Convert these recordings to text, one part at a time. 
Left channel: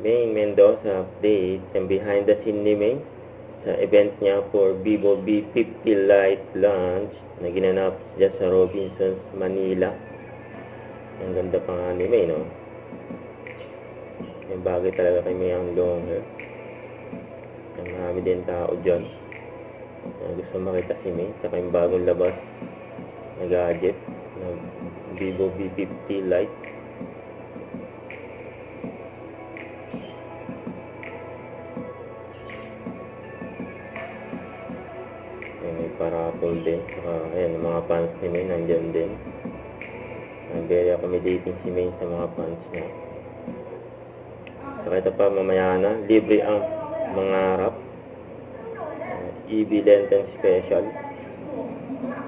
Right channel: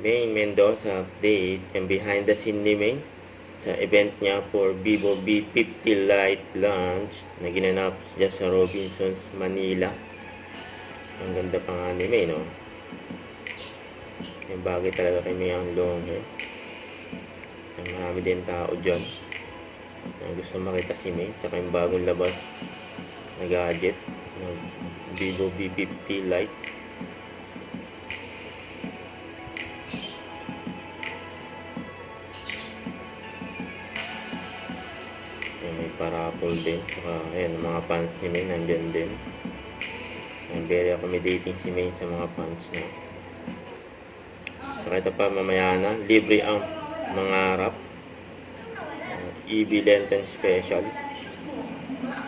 Maine Mendoza update and behind the scene ni Maine sa event niya for Vivo V50 Lite launch na ginanap dyan sa Robinsons, Manila. Ang ganda pa nga ni Maine, no? Yung bagay talaga kay Maine ang long hair. Marami din tao dyan na gusto makita si Maine, tsaka yung bagong labas na gadget na Vivo V50 Lite. May parapol din, saka ayan, mga fans ni Maine nandyan din. Very accommodating si Maine sa mga fans niya. Saka ito pa, mamaya na libre ang mangarap, EV Lenten Special.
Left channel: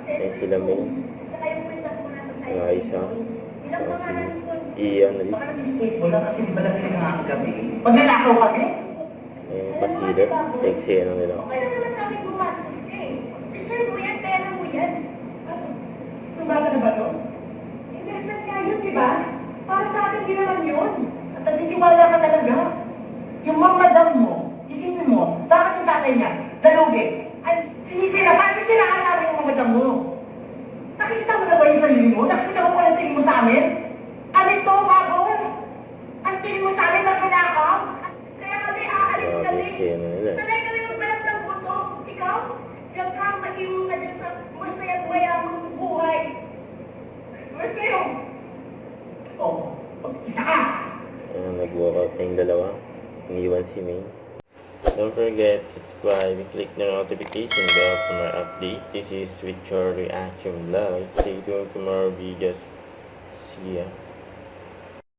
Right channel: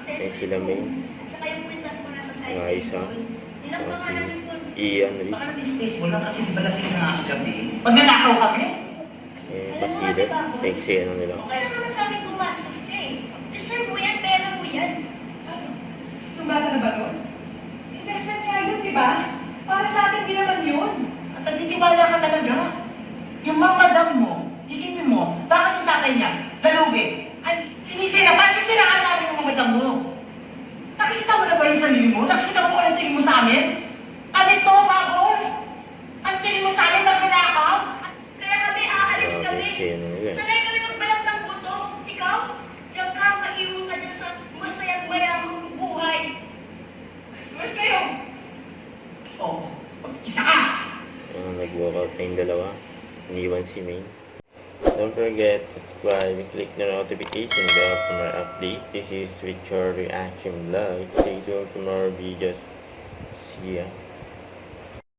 Ayan sila Maine, saka isa, saka si Ian Reed. Pag nanakaw kami? Basilat, eksena nila. Sumata na ba to? Interesant siya yun, di ba? Para sa atin, di naman yun. At nagtitiwala ka talaga. Yung mga madam mo, isipin mo, bakit yung tatay niya, lalugi, ay sinisira, bakit siniraan namin yung mga madam mo? Nakikita mo na ba yung sarili mo? Nakikita mo kung anong tingin mo sa amin? Kami to, bagos! Ang tingin mo sa amin, magunakaw? Kaya kami aalis kami. Eksena nila. Sanay kami magbalat ng buto. Ikaw, diyan ka, maiwan ka dyan sa masaya't mayamang buhay. Ano kayo? Oh, isa ka! Nag-walkout na yung dalawa. Iniwan si Maine. Don't forget to subscribe and click the notification bell for more update. This is With Your Reaction Vlog. Stay tuned for more videos. See ya.